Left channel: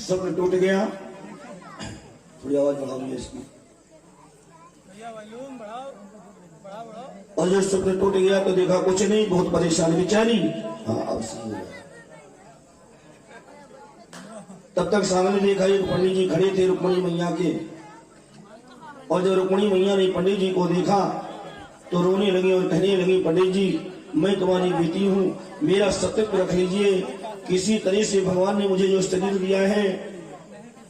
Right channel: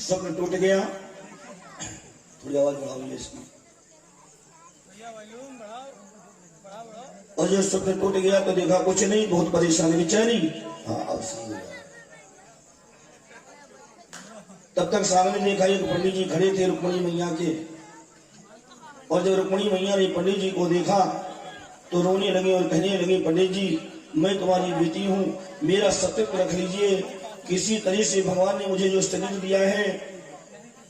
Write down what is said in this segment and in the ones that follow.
स्वप्न टूट गया। थोड़ी आवाज बढ़ाओ इसकी। और जब स्वप्न टूट गया तो देखा कुछ नहीं, बहुत परेशानी बेचारी। हाँ, तब तक सामने देखा एक पंडित जी खड़े थे रुक्मिणी मैया के। और जब रुक्मिणी मैया ने पंडित जी को देखा तो रोने लगी और कहने लगी, पंडित जी मैं तुम्हारी बेटी हूँ, मेरा सत्य रख लीजिए। किसी तरह से भगवान ने मुझे जो शरीर दिया है,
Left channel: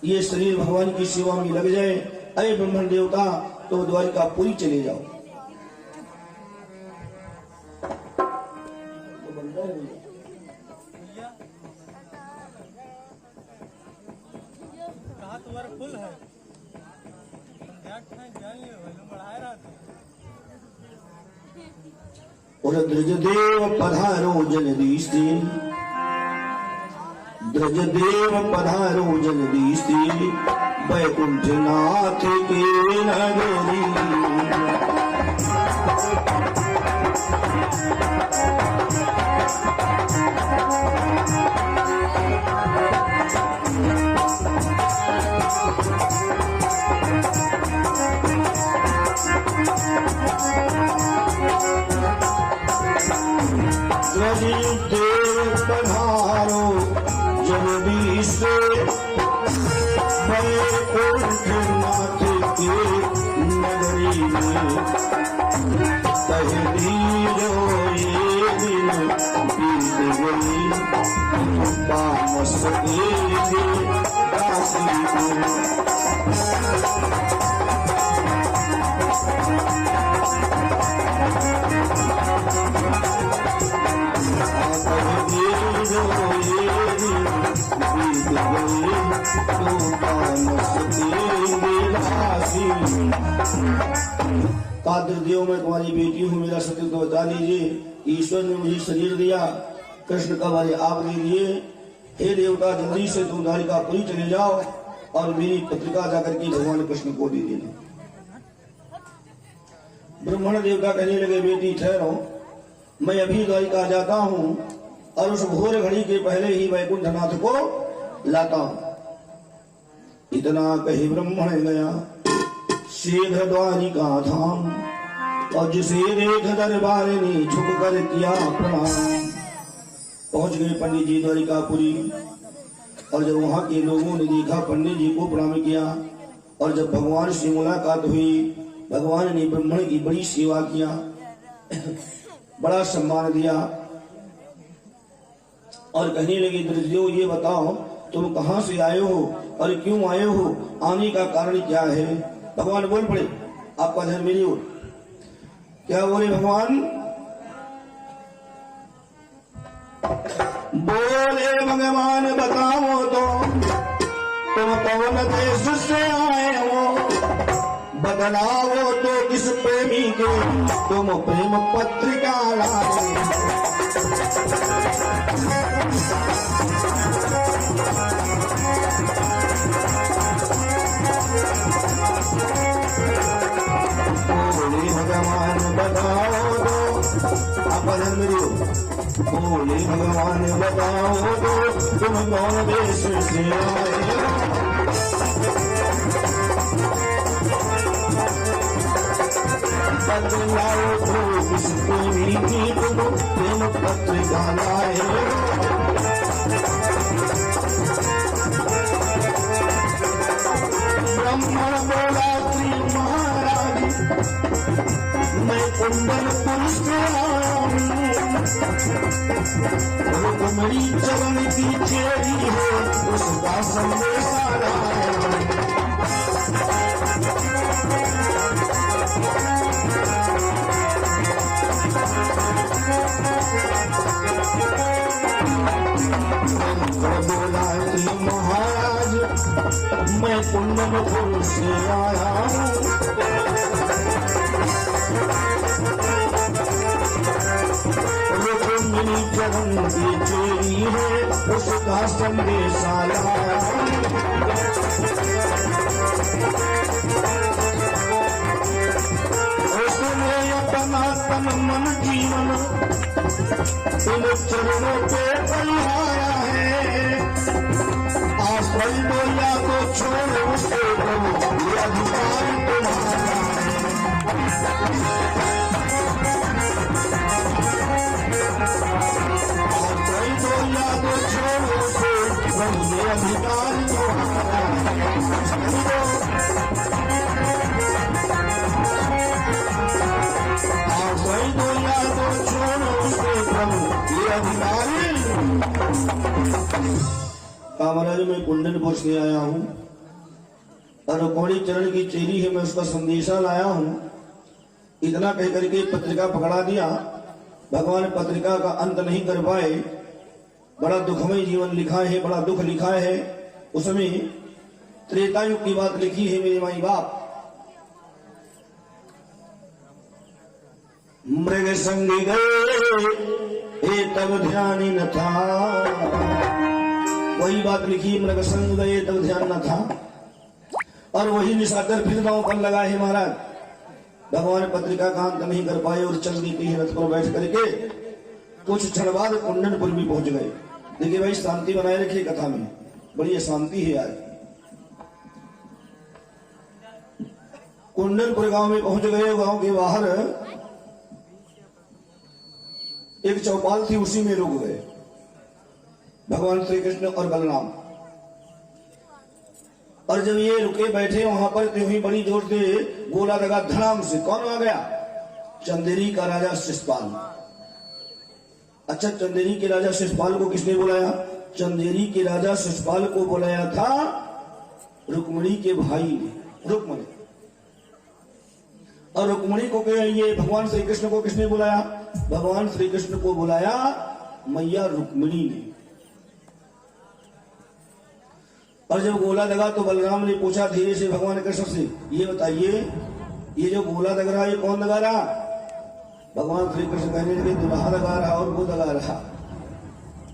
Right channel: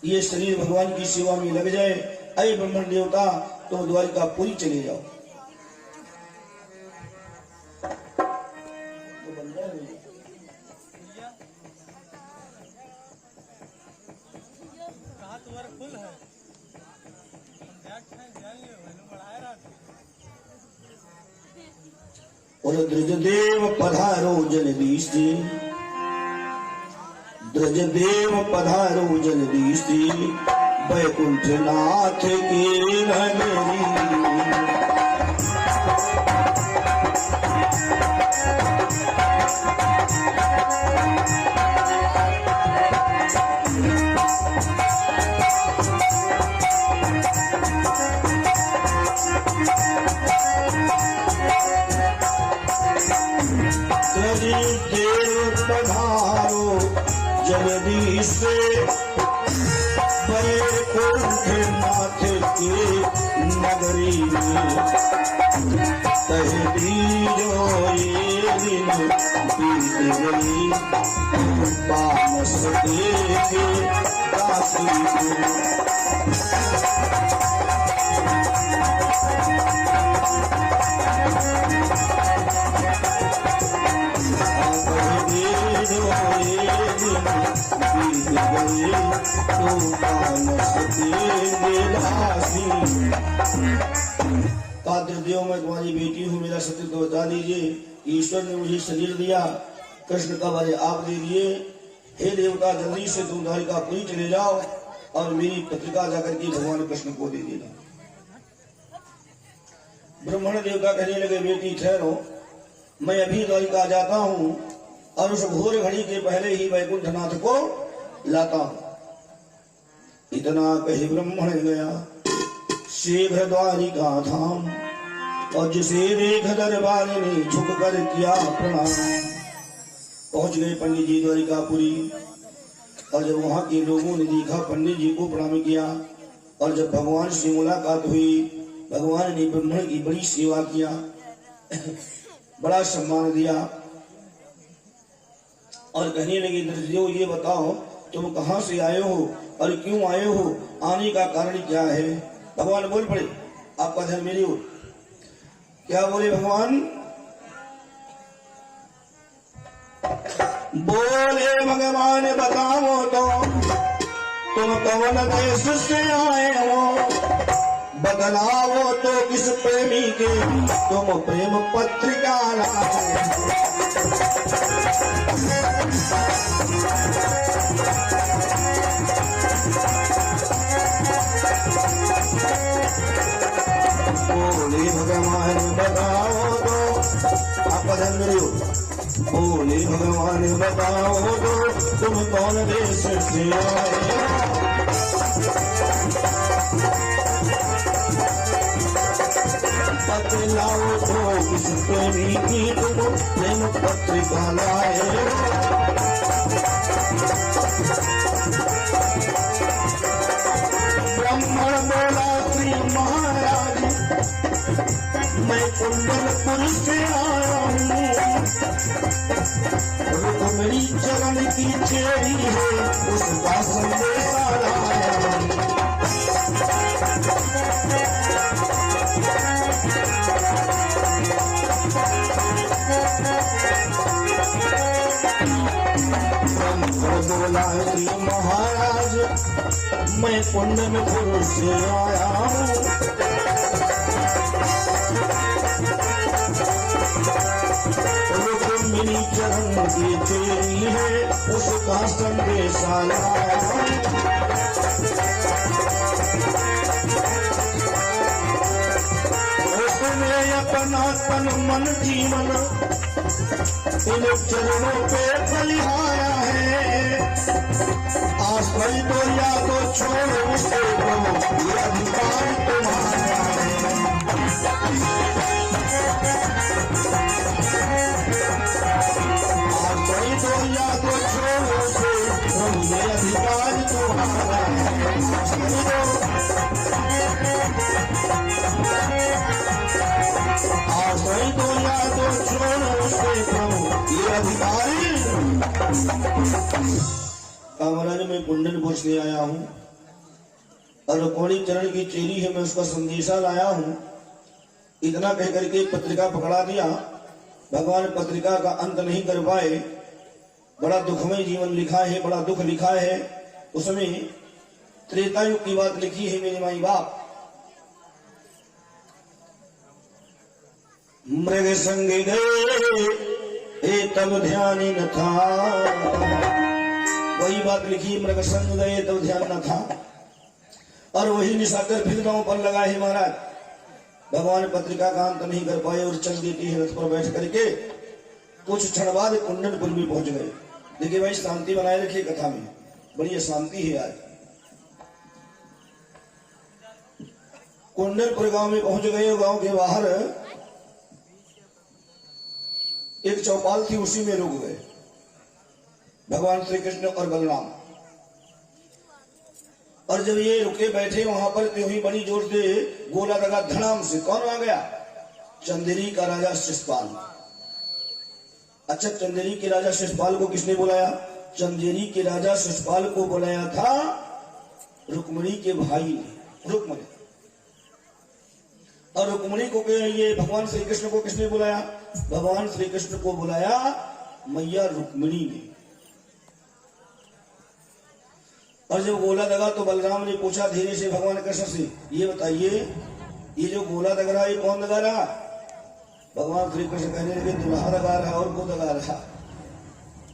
ये शरीर भगवान की सेवा में लग जाए। अरे ब्रह्मण देवता, तो द्वारिकापुरी चले जाओ। और द्रजदेव पधारो जलदीस्ते, द्रजदेव पधारो जलदीस्ते, वैकुंठनाथ के नगरी। द्रजदेव पधारो जलदीस्ते, वैकुंठनाथ के नगरी में। कहे बीजो ये दिन बीत गई, तामस देखे दासी को। देव मैं तुम्हारी बेटी हूँ, मेरा सत्य तो बता दीजिए। ईश्वर ने मुझे शरीर दिया, कृष्ण का बारे आप दे दिए। हे देवता, जल्दी से तुम द्वारिकापुरी चले जाओ और मेरी पत्रिका जाकर के भगवान कृष्ण को दे देना। ब्राह्मण देवता कहने लगे, बेटी ठहरो, मैं अभी द्वारिका जाता हूँ और उस घोर घड़ी के पहले ही वैकुंठनाथ को लाता हूँ। इतना कही ब्राह्मण गया शीघ्र द्वारिका धाम, और जिसे देख दरबार ने झुक कर किया प्रणाम। पहुंच गए पंडित जी द्वारिकापुरी। और जब वहां के लोगों ने देखा पंडित जी को प्रणाम किया, और जब भगवान से मुलाकात हुई, भगवान ने ब्राह्मण की बड़ी सेवा किया, बड़ा सम्मान दिया। और कहने लगे, द्रजदेव ये बताओ तुम कहाँ से आए हो और क्यों आए हो, आने का कारण क्या है? भगवान बोल पड़े, आपका ध्यान मेरी ओर। क्या बोले भगवान? बोले भगवान बताओ तो तुम कौन देश से आए हो, बदलाओ तो किस प्रेमी के तुम प्रेम पत्रिका लाए। भगवान बताओ, बोले भगवान बताओ तुम कौन देश से आए। बदलाओ तो किस प्रेमी की तुम प्रेम पत्रिका लाए। ब्राह्मण बोला, श्री महाराज मैं कुंडलपुर से मेरी चरण की चेरी है, उसका संदेश बोला महाराज मैं कुंडलपुर से आया हूँ। चरण की चोरी है, उसका संदेश आया। उसने अपना तन मन जीवन इन चरणों पे फैलाया है। आश्रय अधिकारी कामराज में कुंडनपुर से आया हूँ और रुक्मणी चरण की चेली है, मैं उसका संदेशा लाया हूँ। इतना कह करके पत्रिका पकड़ा दिया। भगवान पत्रिका का अंत नहीं कर पाए। बड़ा दुखमय जीवन लिखा है, बड़ा दुख लिखा है। उसमें त्रेता युग की बात लिखी है मेरे माई बाप। मृग संग गए तब ध्यान न था, वही बात लिखी, मृग संग गए तब ध्यान न था। और वही निशाकर फिर दांव पर लगा है महाराज। भगवान पत्रिका का अंत नहीं कर पाए और चल दी की रथ पर बैठ करके कुछ क्षण बाद कुंडनपुर भी पहुंच गए। देखिए भाई, शांति बनाए रखिए कथा में, बड़ी शांति है यार। कुंडनपुर गांव में पहुंच गए। गांव के बाहर एक चौपाल थी, उसी में रुक गए भगवान श्री कृष्ण और बलराम। और जब ये रुके बैठे वहां पर, तो ही बड़ी जोर से गोला लगा धड़ाम से। कौन आ गया? चंदेरी का राजा शिशुपाल। अच्छा, चंदेरी के राजा शिशुपाल को किसने बुलाया? चंदेरी के राजा शिशुपाल को बुलाया था रुक्मणी के भाई ने, रुक्मणी। और रुक्मणी को ये भगवान श्री कृष्ण को किसने बुलाया? भगवान श्री कृष्ण को बुलाया मैया रुक्मणी ने। और जब गोला लगा तो बलराम ने पूछा धीरे से भगवान कृष्ण से, ये बताइए ये जो गोला लग रहा है ये कौन लगा रहा? भगवान श्री कृष्ण कहने लगे, दुल्हा लगा रहा और वो लगा रहा।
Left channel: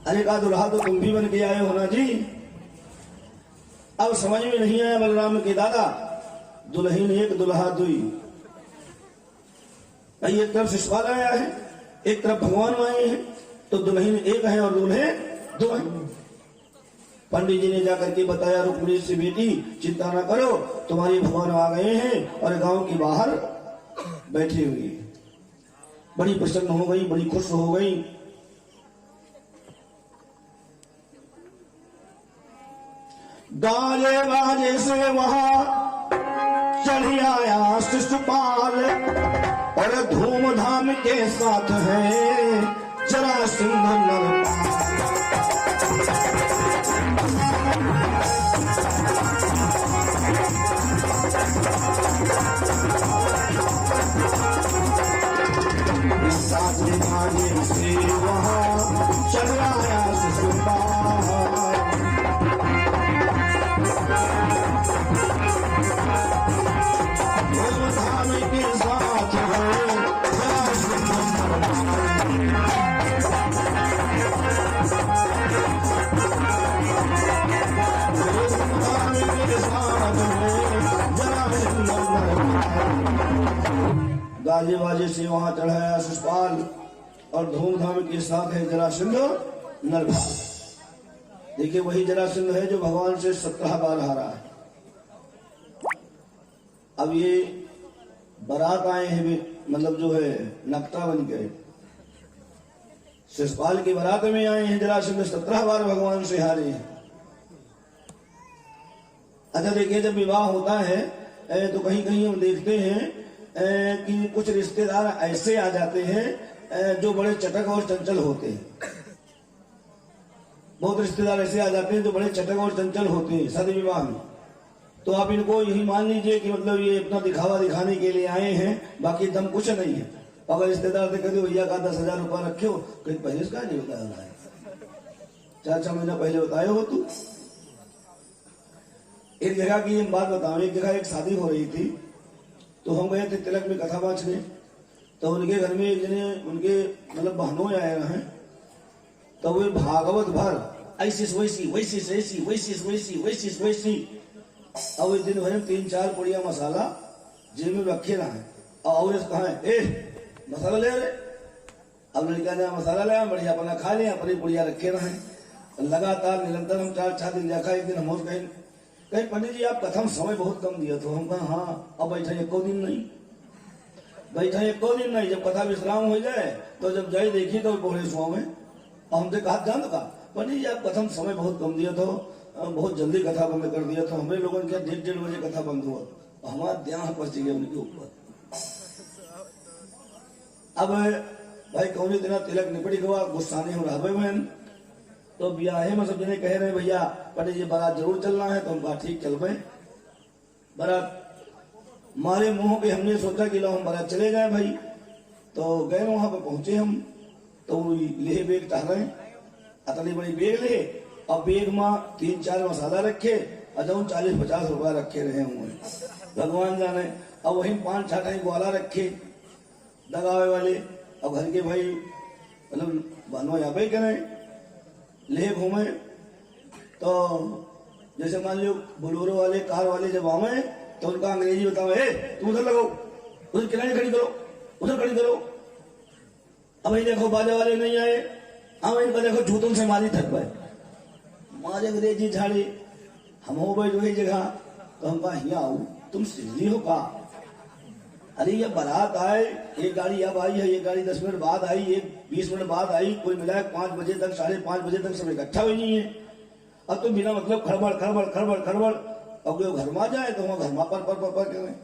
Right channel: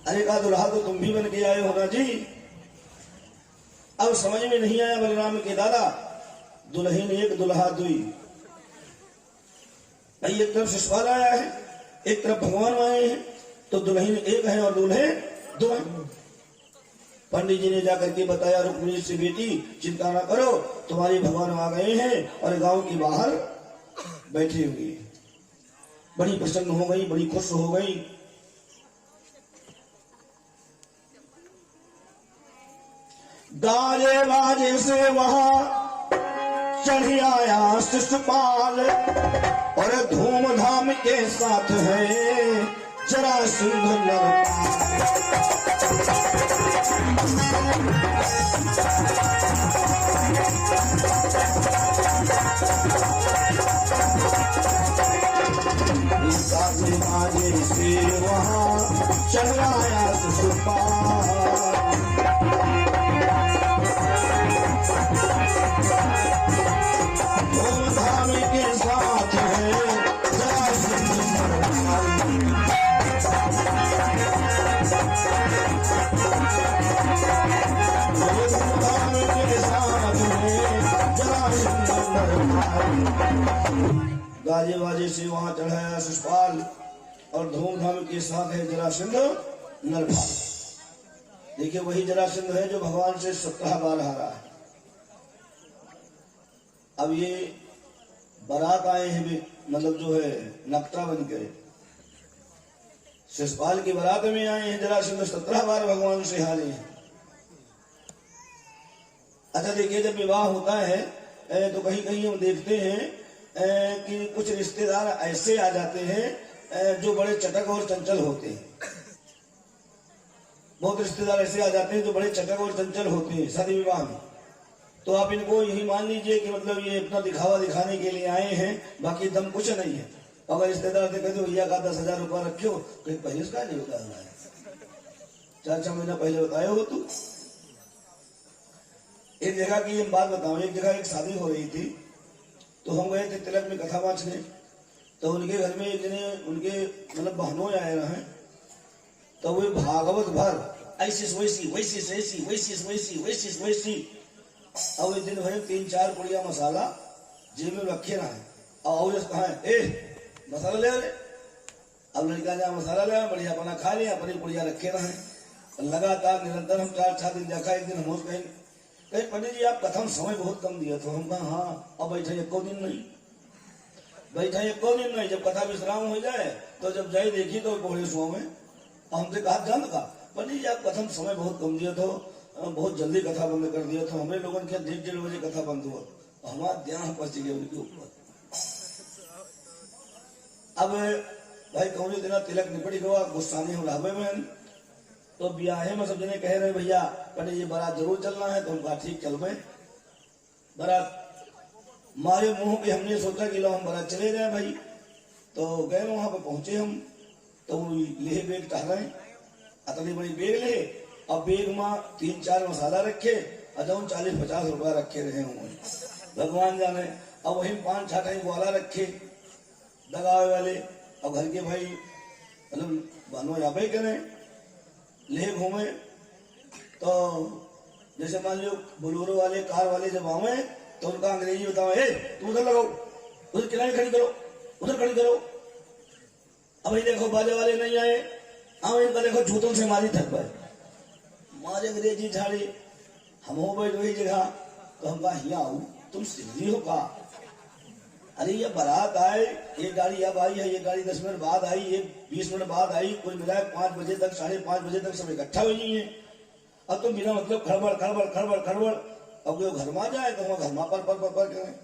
अरे कहा, दुल्हा तो तुम भी बन के आए हो ना जी। अब समझ में नहीं आया बलराम के दादा, दुल्हीन एक दुल्हा दुई। भाई एक तरफ शिशुपाल आया है, एक तरफ भगवान आए हैं, तो दुल्हीन एक है और दूल्हे दो हैं। पंडित जी ने जाकर के बताया रुक्मिणी से, बेटी चिंता ना करो, तुम्हारे भगवान आ गए हैं और गांव के बाहर बैठे हुए। बड़ी प्रसन्न हो गई, बड़ी खुश हो गई। गाजे बाजे से वहां चढ़ी आया शिशुपाल और धूमधाम के साथ है जरासंध नरपाल। से वहां चढ़ आया शिशुपाल। धूमधाम के साथ है जरासंध गाजे बाजे से वहां चढ़ाया शिशुपाल और धूमधाम के साथ है जरासंध नरभाल। देखिए वही जरासंध है जो भगवान से 17 बार हारा है। अब ये बारात आए हैं, मतलब जो है नक्ता बन गए, शिशुपाल की बारात में आए हैं। जरासंध 17 बार भगवान से हारे हैं। अच्छा देखिए, जब विवाह होता है तो कहीं कहीं हम देखते हैं कि कुछ रिश्तेदार ऐसे आ जाते हैं जो बड़े चटक और चंचल होते हैं। बहुत रिश्तेदार ऐसे आ जाते हैं जो बड़े चटक और चंचल होते हैं शादी विवाह में। तो आप इनको यही मान लीजिए कि मतलब ये अपना दिखावा दिखाने के लिए आए हैं, बाकी दम कुछ नहीं है। अगर रिश्तेदार से कहते भैया का 10,000 रुपया रखे हो, तो पहले इसका नहीं बताया, 4-6 महीना पहले बताए हो तू। एक जगह की बात बताऊं, एक जगह एक शादी हो रही थी, तो हम गए थे तिलक में कथा बांचने। तो उनके घर में उनके मतलब बहनों आए हैं, तो वे भागवत भर ऐसी वैसी वैसी वैसी वैसी वैसी वैसी वैसी। अब इस दिन भर 3-4 पुड़िया मसाला जिनमें रखे रहे और कहा मसाला ले रहे। अब लड़का जहाँ मसाला लगा, बढ़िया अपना खा लिया, अपनी पुड़िया रखे रहे। लगातार निरंतर हम 4-6 दिन देखा। एक दिन हम गए कहे पंडित जी आप कथम समय बहुत कम दिया तो हम कहा हाँ अब बैठा एको दिन नहीं, बैठा एको दिन नहीं। जब कथा विश्राम हो जाए तो जब जाई देखी तो बोले सुहा में हमसे कहा जान का पंडित जी आप कथम समय बहुत कम दिया तो बहुत जल्दी कथा बंद कर दिया तो हमें लोगों के 1:30 बजे कथा बंद हुआ, हमारा ध्यान पहुंच गया उनके ऊपर। अब भाई कौनी दिन तिलक निपटी गवा गुस्साने हो रहा बहन तो ब्याहे में सब जने कह रहे भैया पंडित जी बारात जरूर चलना है तो हम कहा ठीक चल पाए। बारात मारे मुंह पे हमने सोचा कि लो हम बारात चले जाए भाई, तो गए वहां पे पहुंचे हम तो ले बेग टहरे अतनी बड़ी बेग ले और बेग में 3-4 मसाला रखे अच्छा 40-50 रुपया रखे रहे होंगे भगवान जाने। अब वही 5-6 ग्वाला रखे दगावे वाले। अब घर के भाई मतलब बनो यहाँ पे करें ले घूमे तो जैसे मान लो बोलोरो वाले कार वाले जब आवे तो उनका अंग्रेजी बताओ तू उधर लगाओ उधर किनारे खड़ी करो उधर खड़ी करो। अब देखो बाजा वाले नहीं आए हाँ इनका देखो जूतों से मारी थक पाए मारे अंग्रेजी झाड़े हम हो बैठ वही जगह तो हम कहा यहाँ आओ तुम सिंधी हो का अरे ये बारात आए एक गाड़ी अब आई है, एक गाड़ी 10 मिनट बाद आई, एक 20 मिनट बाद आई, कुल मिलाए 5 बजे तक 5:30 बजे तक सब इकट्ठा हुई है। अब तो बिना मतलब खड़बड़ खड़बड़ खड़बड़ खड़बड़ अब जो घर में जाए तो वहां घर में पर करें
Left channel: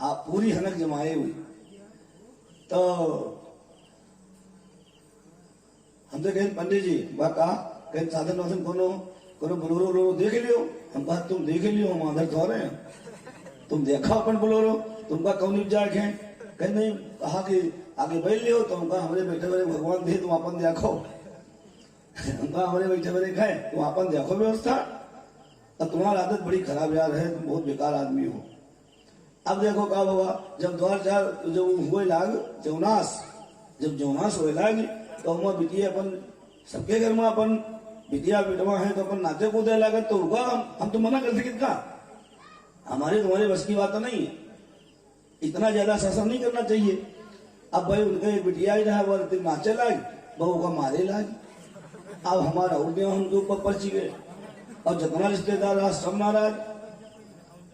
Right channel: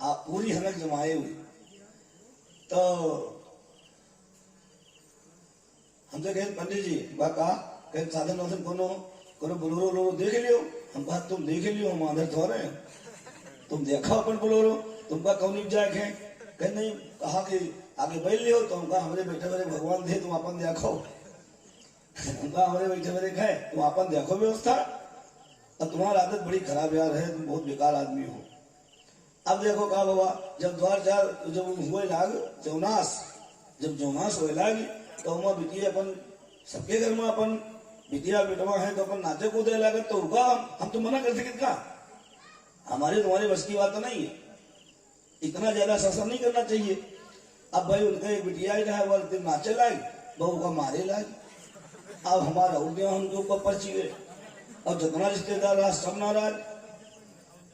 आप पूरी हनक जमाए हुई। तो हमसे कहे पंडित जी बा कहा कहीं साधन वाधन कोनो बोलोरो देख लियो। हम कहा तुम देख लियो हम आधर थोड़े हैं तुम देखा अपन बोलोरो तुमका कौन जाए है कहीं नहीं कहा कि आगे बैठ लियो तो हमका हमारे बैठे वाले भगवान दे तुम अपन देखो हमका हमारे बैठे वाले खाए तुम अपन देखो व्यवस्था और तुम्हारी आदत बड़ी खराब यार है तुम बहुत बेकार आदमी हो। अब देखो कहा बाबा जब द्वार चार जब हुए लाग जौनास जब जौनास हुए लाग तो हम बिटिया अपन सबके घर में अपन बिटिया बेटवा है तो अपन नाचे कूदे लागत तो रुका हम तो मना कर सके का हमारे तुम्हारे बस की बात नहीं है, इतना ज्यादा शासन नहीं करना चाहिए। अब भाई उनका एक बिटिया ही रहा बोलते नाचे लाग बहू का मारे लाग। अब हमारा उल्टे हमके ऊपर पर्ची गए और जितना रिश्तेदार रहा सब नाराज।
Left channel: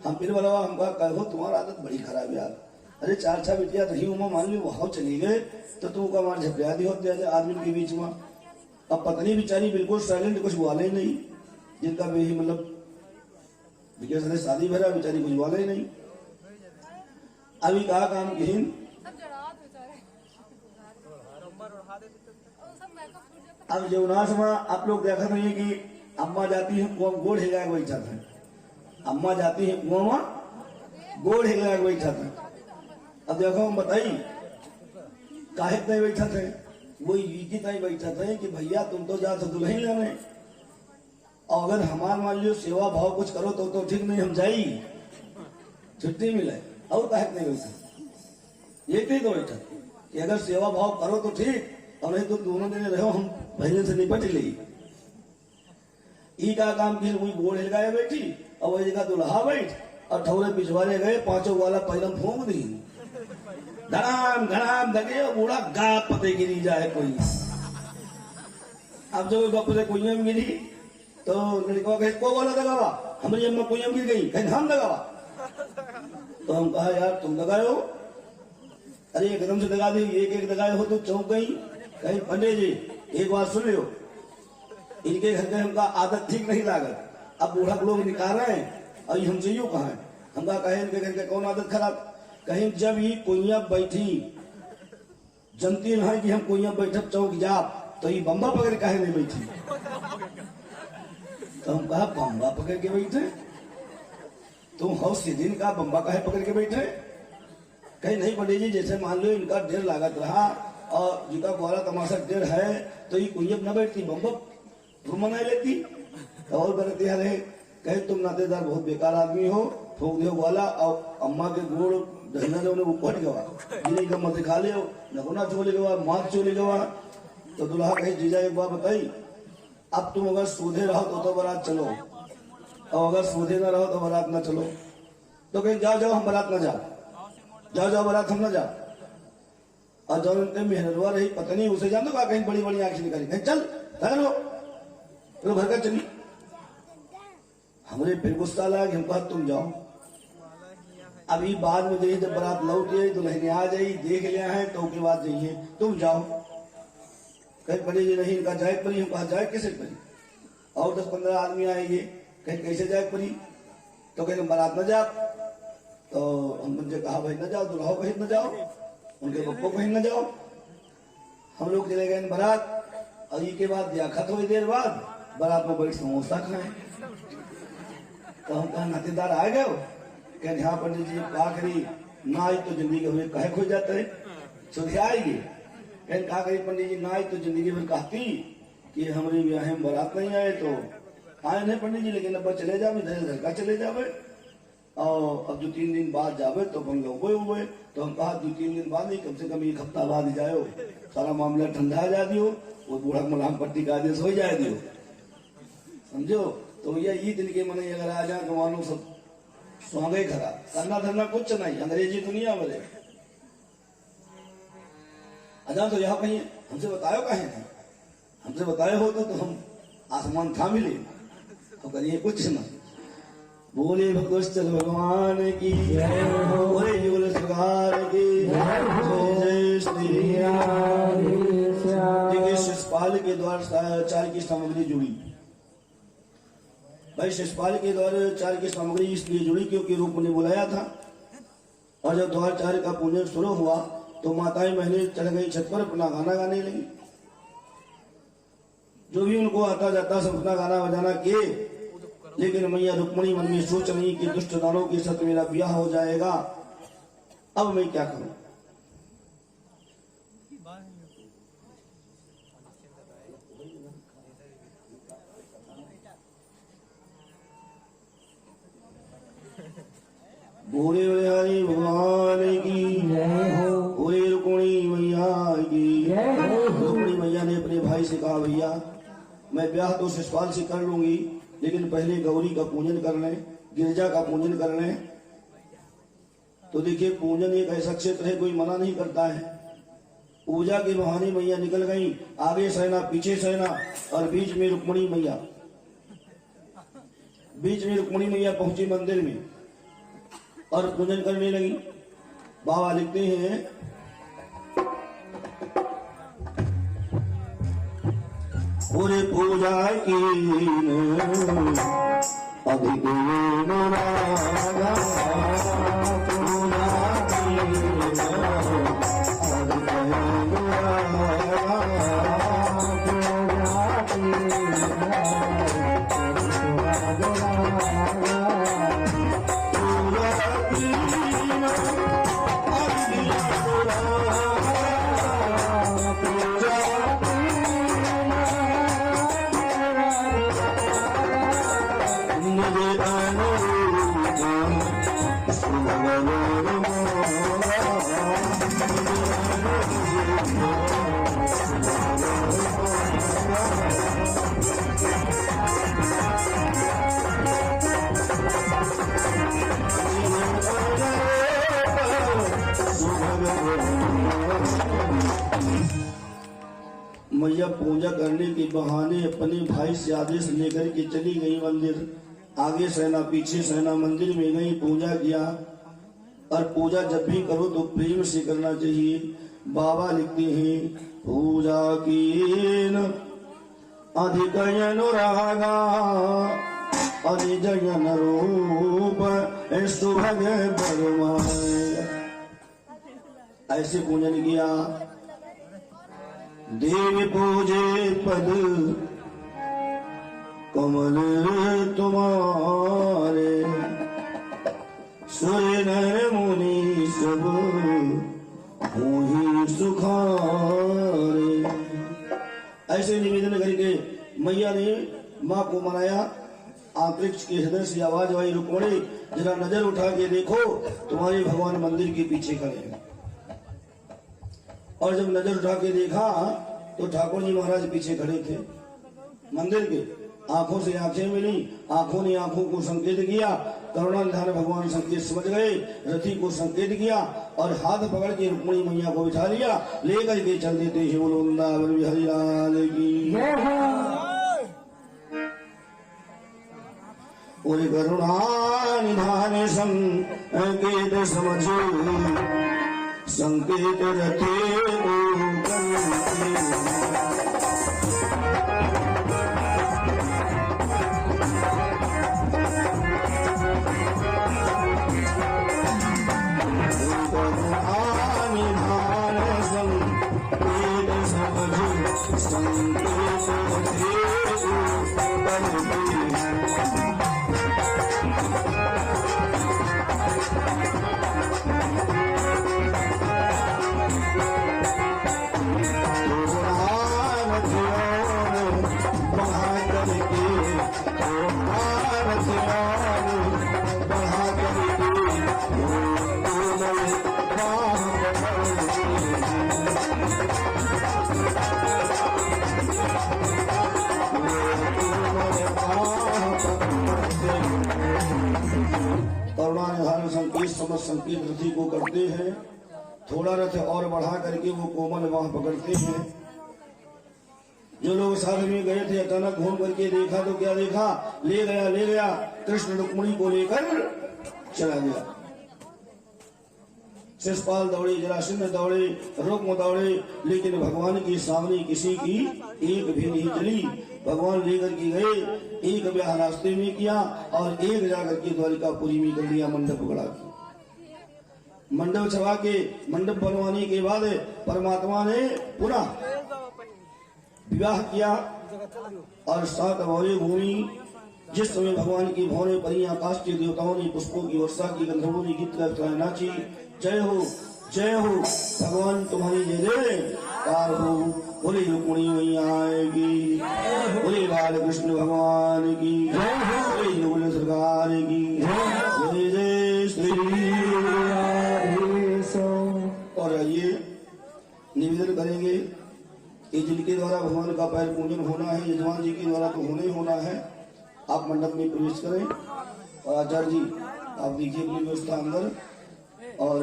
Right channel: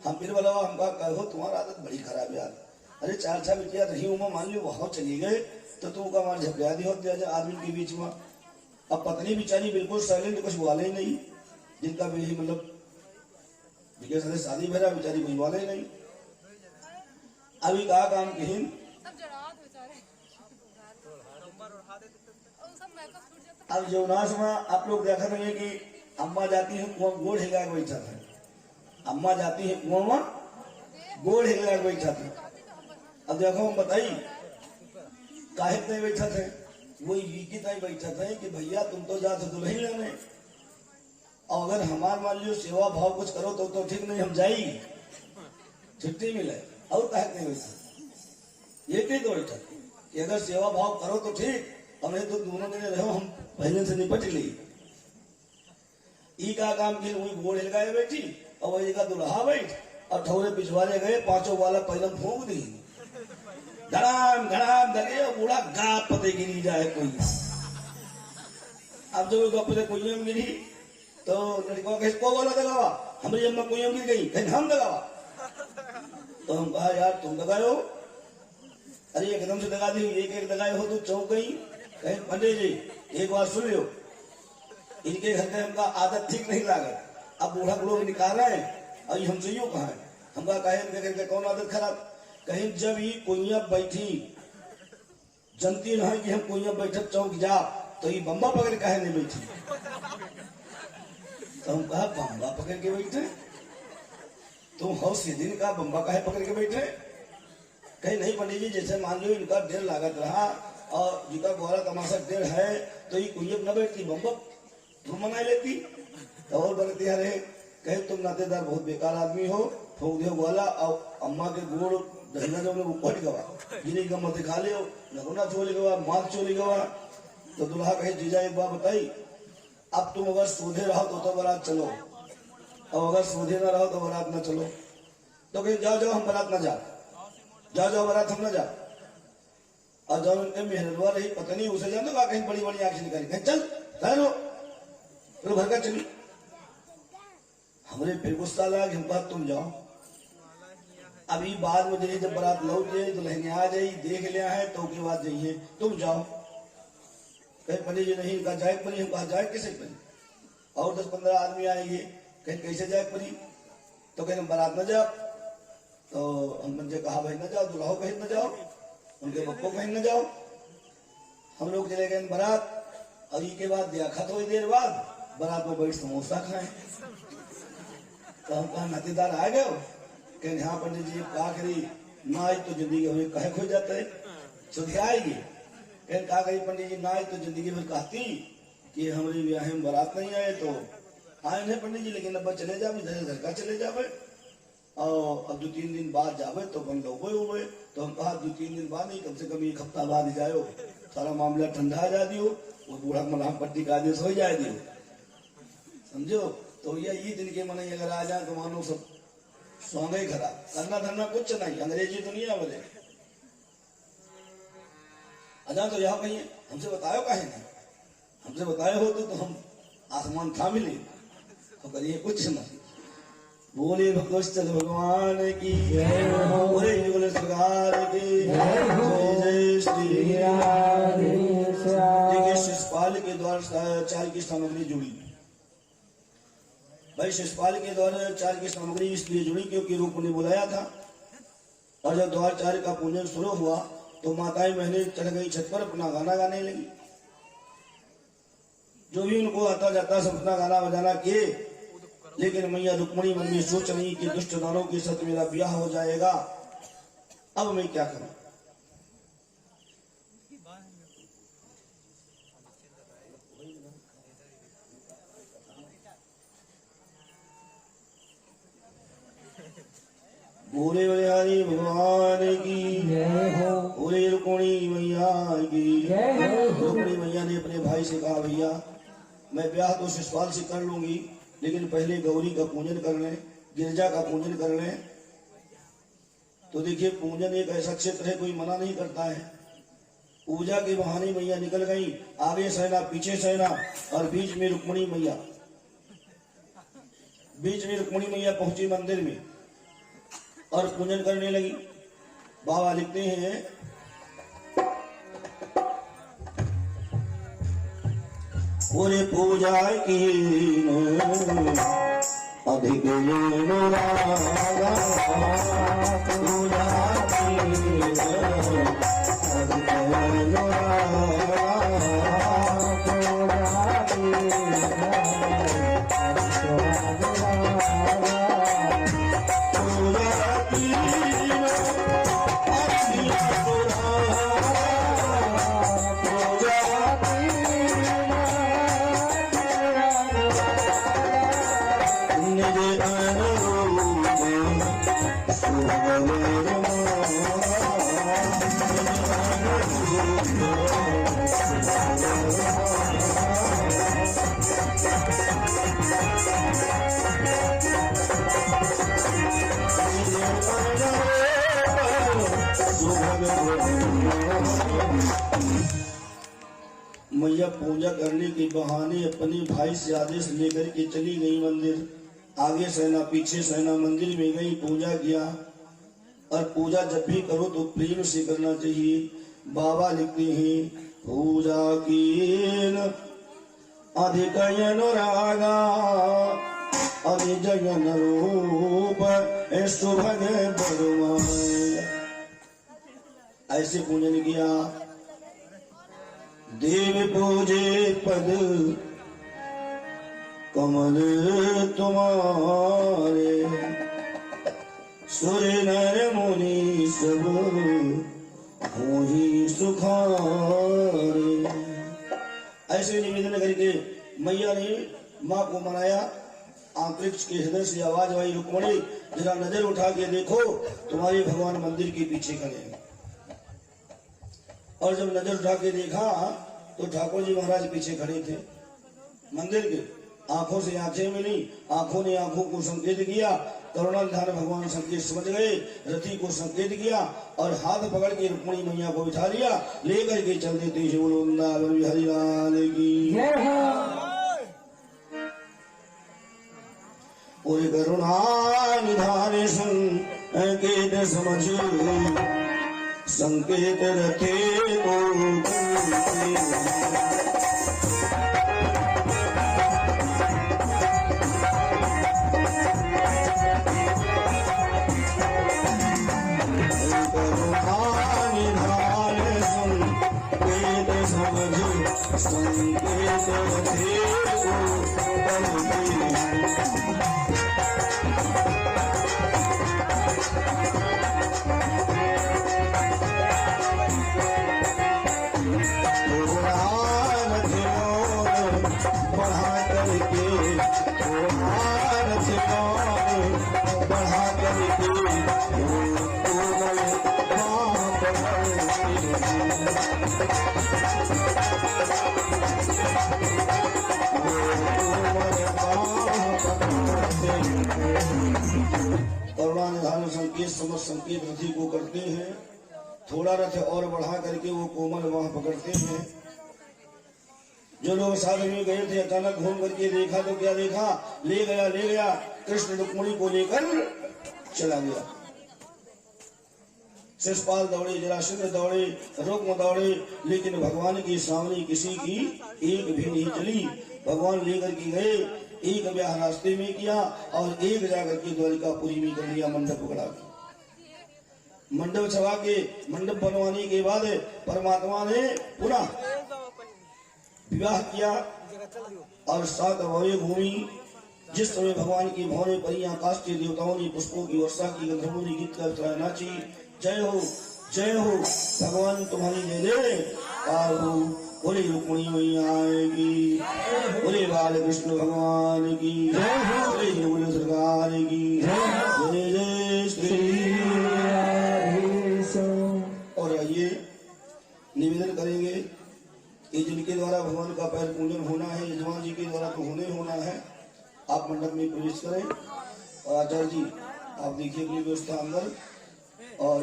हम फिर बोला हमका कहो तुम्हारा आदत बड़ी खराब यार अरे 4 बिटिया रही हूँ मान ली वहां चली गए तो तुमका हमारे झपलिया दी होते आदमी के बीच में। अब पत्नी बेचारी बिल्कुल साइलेंट कुछ वाले ही नहीं जिनका भी मतलब विकेश ने शादी भरा बेचारी कोई वाले ही नहीं। अभी कहा काम की अब जवनास में आप लोग देखा नहीं है कि अम्मा जाती है कुआं गोड़ हिला के बैठा था, अम्मा जाती है कुआं में गोड़ हिला के बैठा था। अब देखो हम बताइए काहे नहीं बैठा थे वो गीत नहीं बैठा थे कि भैया तुम तो जा तो दुल्हन लाने और अगर हमार मान लो सेवा भाव कुछ करो तो ठीक नहीं हम जाई छुट्टी मिले और काहे नहीं बैठा ये नहीं तो बैठा कि अगर सेवा भाव करो तो ठीक और नहीं तो दोनों दिन रहो हम भजन से निपट ली। ई का काम की वही गोड़ हिलगाए बैठी और वही जगह दुल्हा बैठ और ठौरे पिछवाड़े गए 5 वाला पहले फूंक दी धड़ाम धड़ाम दगे बूढ़ा गाप पते गिरी जाए कोई। अब जो गप से कुइयम गिरी तो लड़कों के को बोला दगावा हमारी अम्मा कुइयम गिर गई कहीं हम दगावा तो हम कहा यार तुम दगाओ अरे एकदम से दगा दी एक दगाए हो तो चौंक गई। कहीं पंडित जी एक बार सुन लो इनके घर में हमका आदत ठीक नहीं लागत। अब बूढ़ा लोग निकाल रहे हैं और हमसे यूं कहा हमका कहे इनके घर के कौन आदत खराब कहीं जब ही कुइया बैठी जनती न कि हम कुइया बैठक चौक जा तो ये बम्बा पकड़ कहे नहीं बैठी तो हम कहा बम्बा पकड़ के बैठे तुम हो दिन का बम्बा काहे पकड़ के बैठे। कहीं नहीं पंडित जी जैसे मान लो इनका डेढ़ लागत रहा और जिनका ग्वाला तमाशा डेढ़ है तो ये कुइयत न बैठती बम्बा मंगा लेती और गलत यार है। कहे तुम नातेदार बहुत बेकार आदमी हो फूक दियो ग्वाला और अम्मा के गोड़ दहिना जो ऊपर गवा जिन्हें का मत खा लियो नगुना चोली गवा मात चोली गवा। तो दुल्हा कहे जीजा एक बात बताई अब तुम अगर सूधे रहो तो बारात चलो और अगर सूधे ना रहो तो बारात ना चलो। तो कहीं जाओ जाओ हम बारात ना जाओ बारात हम ना जाओ और जब उनके मेहरवा रही पता नहीं उसे जान दो कहीं बड़ी बड़ी आंखें निकाली कहीं चल ठहरो तो घर का चली हमरे फिर गुस्सा लगा कि हम कहा तुम जाओ। अभी बाद में जाइए, जब बारात लौट जाए दुल्हन आ जाई, देख लिया है तो के बाद जाइए, तुम जाओ। कहीं पंडित जी नहीं, इनका जाए परी। हम कहा जाए कैसे परी, और 10-15 आदमी आएंगे, कहीं कैसे जाए परी, तो कहीं बारात न जा। तो हमने कहा भाई न जाओ, दुल्हा कहीं न जाओ, उनके पप्पो कहीं न जाओ। हम लोग चले गए बारात। और ये के बाद दिया थोड़ी देर बाद बारात में बैठ समोसा खाए। तो हम कहें नातेदार आ गए, कहें हाँ पंडित जी कहा करी ना आई तो जिंदगी हुई कहे खो जाता है, सुधे आएगी। कहें कहा करी पंडित जी ना आई तो जिंदगी भर कहती कि हमारे ब्याह में बारात नहीं आए, तो आए नहीं पंडित जी, लेकिन अब चले जावे, घर का चले जावे, और अब 2-3 दिन बाद जावे तो अपन लोग हुए। तो हम कहा 2-3 दिन बाद नहीं, कम से कम 1 हफ्ता बाद जाओ, सारा मामला ठंडा जा दियो, वो बूढ़ा मलाम पट्टी का आदेश हो जाए दियो, समझो। तो ये दिल के मन अगर आ जाए कमानो सब स्वांगे खराब, करना धरना कुछ नहीं, अंग्रेजी दुनिया वाले अजा। तो यहाँ कहीं हमसे बतायो कहे नहीं, हमसे बताए हो तो हम आसमान था मिले, तो करिए कुछ नहीं। बोले भगवत भगवान की जय, बोले सरकार की जय श्री राम। देखिए शिषपाल के द्वारा 4 की सामग्री जुड़ी। भाई शिषपाल के द्वारा 4 की सामग्री इसलिए जुड़ी क्योंकि रूप ने बुलाया था। और जब द्वार 4 का पूजन शुरू हुआ तो माताएं बहनें चढ़ गई छत पर, अपना गाना गाने लगी। जो भी उनको आता जाता सब अपना गाना बजाना किए। लेकिन मैया रुक्मणी मन में सोच रही कि दुष्ट दानों के साथ मेरा ब्याह हो जाएगा, अब मैं क्या करूं। बोले हरि भगवान की जय हो, बोले रुक्मणी मैया की जय हो। रुक्मणी मैया ने अपने भाई से कहा भैया मैं ब्याह तो शिषपाल से कर लूंगी, लेकिन पहले गौरी का पूजन कर लें, गिरजा का पूजन कर लें। तो देखिए पूजन एक ऐसा क्षेत्र है कोई मना नहीं करता है। पूजा के बहाने मैया निकल गई, आगे सेना पीछे सेना, और बीच में रुक्मणी मैया पहुंची मंदिर में और पूजन करने लगी। बाबा लिखते हैं पूरे पूजा की अधिक मैया पूजा करने के बहाने अपने भाई से आदेश लेकर के चली गई मंदिर। आगे सेना पीछे सेना, मंदिर में गई, पूजा किया। और पूजा जब भी करो तो प्रेम से करना चाहिए। बाबा लिखते हैं पूजा कीन अधिक अनुरागा अधिजन रूप सुभग बरमाए। ऐसे पूजन किया। देवी पूजे पद कमल तुम्हारे, सुर नर मुनि सब ही सुखारे। ऐसे निवेदन करके मैया ने माँ को मनाया। अंतरिक्ष के हृदय से आवाज आई, रुक्मणी जरा नजर उठा के देखो, तुम्हारे भगवान मंदिर के पीछे खड़े हैं। और जब नजर उठा के देखा तो ठाकुर जी महाराज पीछे खड़े थे मंदिर के। आंखों से आंखें मिली, आंखों ने आंखों को संकेत किया। करुणानिधान भगवान संकेत समझ गए, रथी को संकेत किया और हाथ पकड़ के रुक्मणी मैया को बिठा लिया, लेकर के चल देते हैं। वृंदावन बिहारी लाल की। और करुणा निधान संकेत समझो संकेत रखे संकेत समझ संकेत रथी को करते हैं। थोड़ा रथ और बढ़ा करके वो कोमल वहां पकड़ते हैं। जो लोग साथ में गए थे अचानक घूम करके देखा तो क्या देखा, ले गया कृष्ण रुक्मिणी को लेकर चला गया। शिषपाल दौड़े, जरासंध दौड़े, रुक्म दौड़े, लेकिन भगवान के सामने किसी की एक भी नहीं चली। भगवान लेकर के गए, एक ब्याह रास्ते में किया और एक जाकर के द्वारिकापुरी में कर लिया मंडप उगड़ा के। मंडप चढ़ा के मंडप बनवाने के बाद परमात्मा ने पुनः विवाह किया और 7 भौरे घूमी। जिस समय भगवान की भौरे परी आकाश के देवताओं ने पुष्पों की वर्षा की, गंधर्वों ने गीत कर नाची, जय हो भगवान तुम्हारी जय हो, बोले रुक्मिणी मैया आएगी, बोले बाल कृष्ण भगवान की, बोले सरकार की जय श्री। और ये निवेदन करेंगे कि जिनके द्वारा भगवान का पैर पूजन होना है, यजमान जी के द्वारा तो होना है। आप मंडप में प्रवेश करें और आचार्य जी आप देखिए अपनी व्यवस्था अंदर। और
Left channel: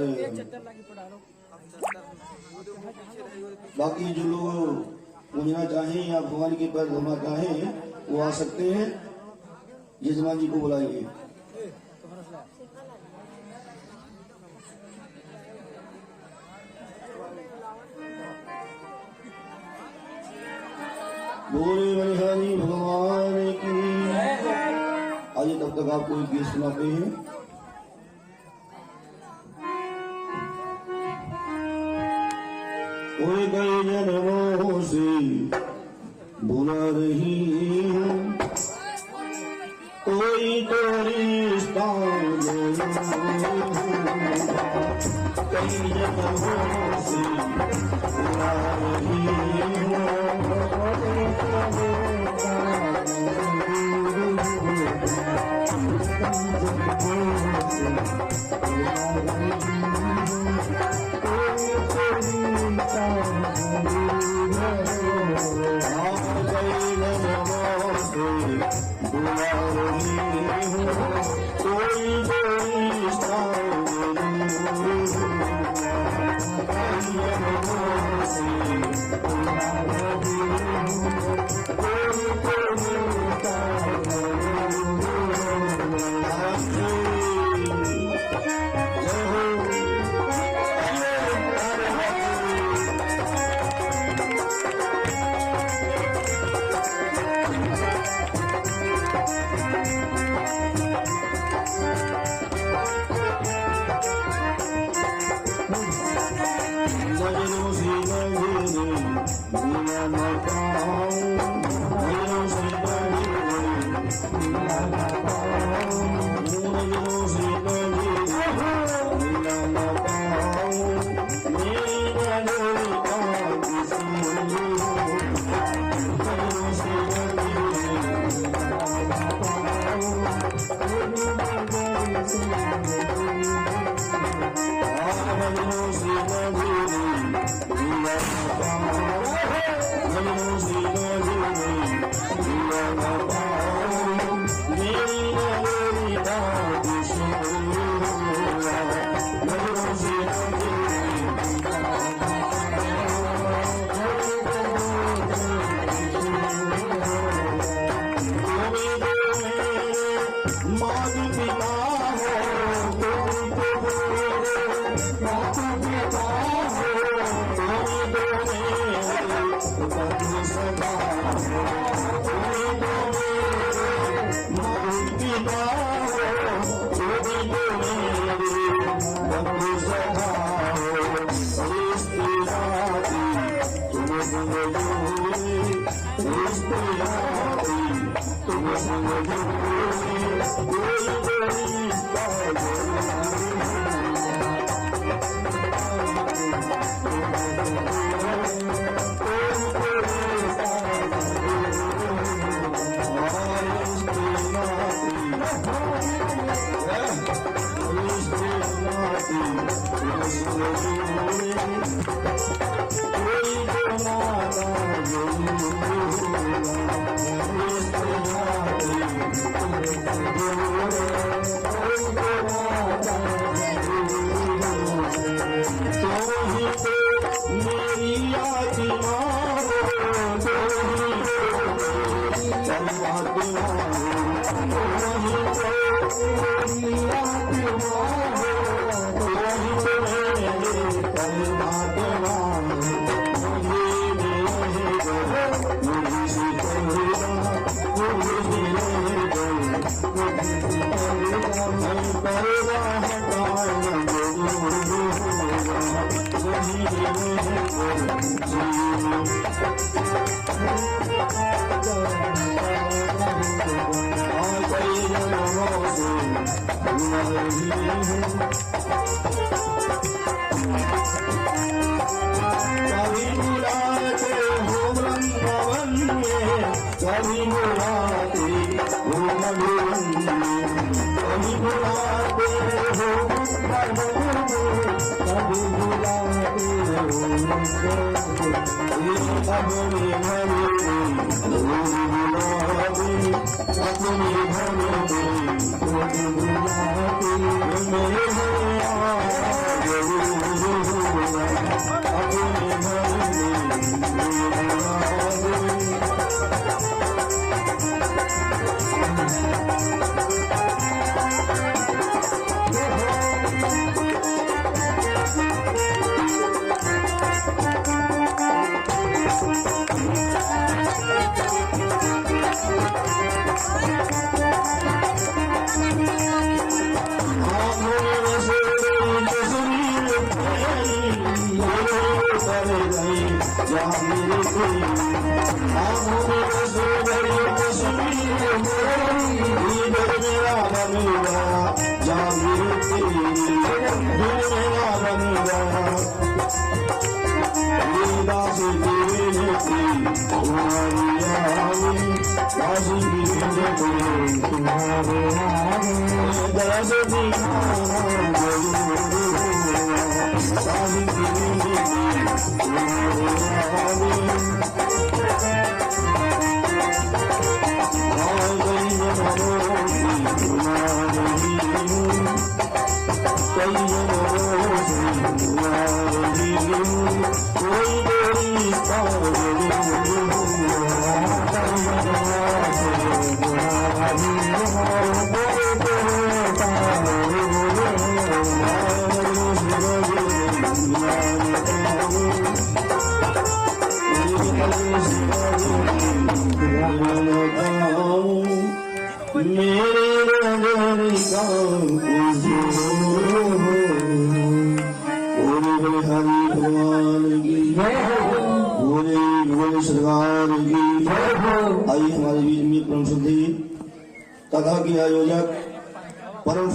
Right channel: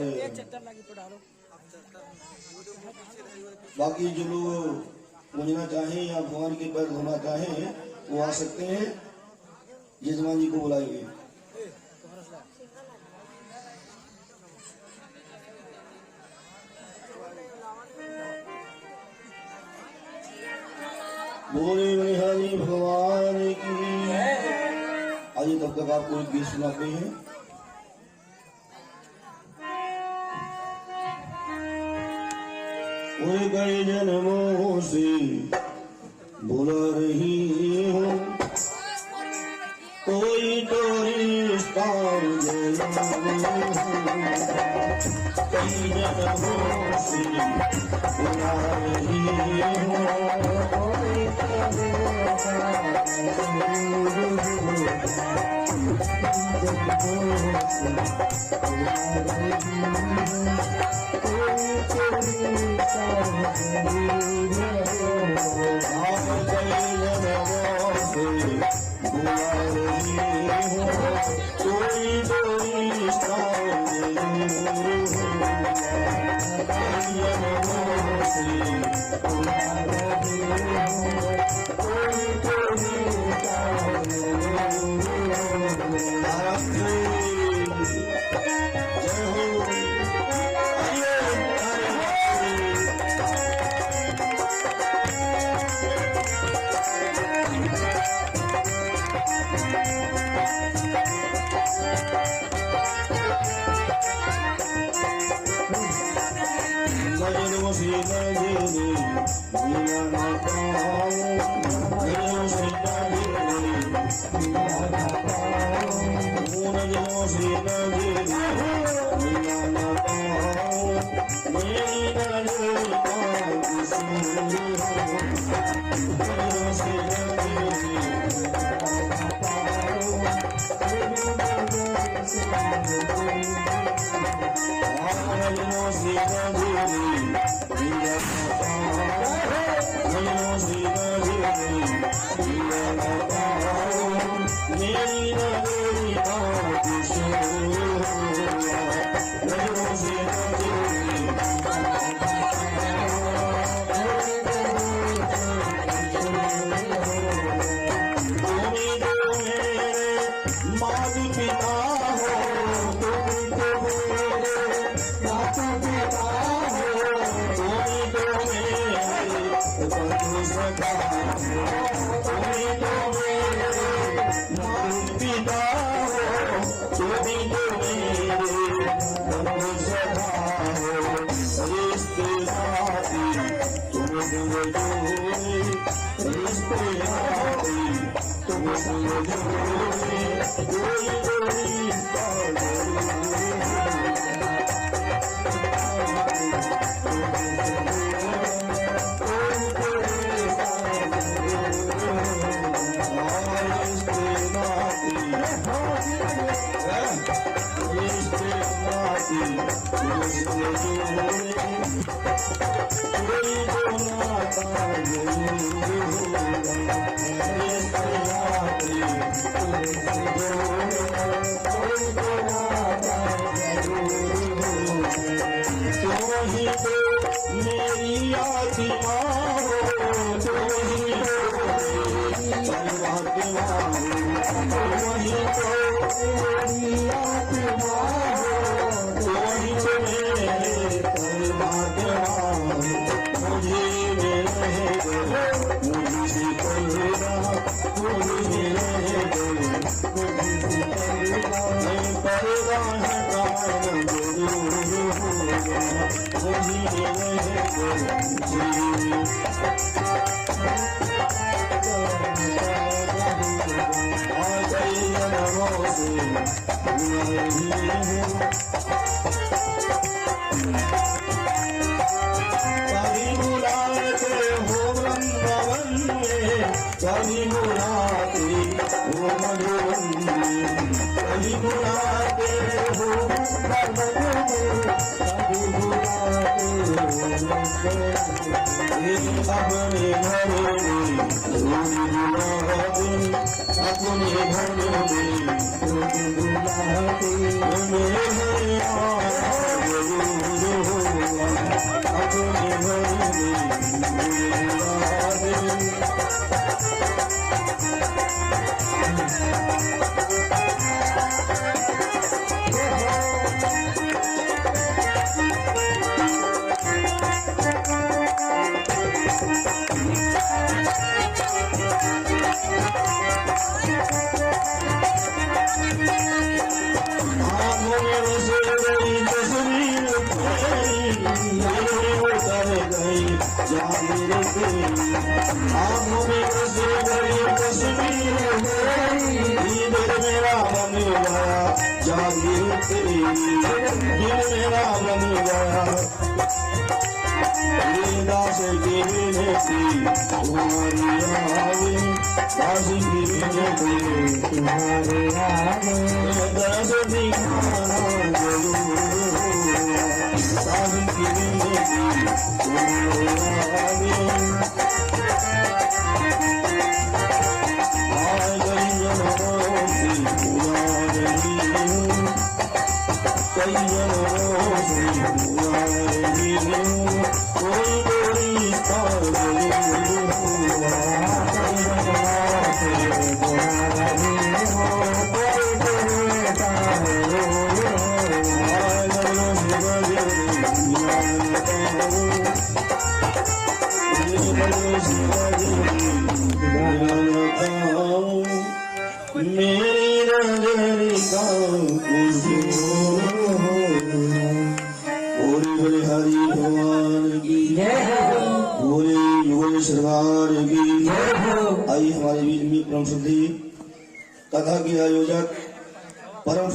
बाकी जो लोग पूजना चाहें या भगवान के पैर धोना चाहें वो आ सकते हैं, यजमान जी को बुलाएंगे। बोले हरि भगवान की। आइए तब तक आपको एक गीत सुनाते हैं। कोई कई जन्मों से बुला रही हूँ, कोई तो रिश्ता कई जन्मों से बुला रही हूँ। Thank you. माता पिता हो तुमको मेरे, माता पिता हो तुमको मेरे, बंधु सखा हो तुमको मेरे, माता पिता हो तुमको मेरे, बंधु सखा हो रिश्तेदारी तुमको मेरे, रिश्तेदारी तुमको मेरे, तथा के आयोजक परम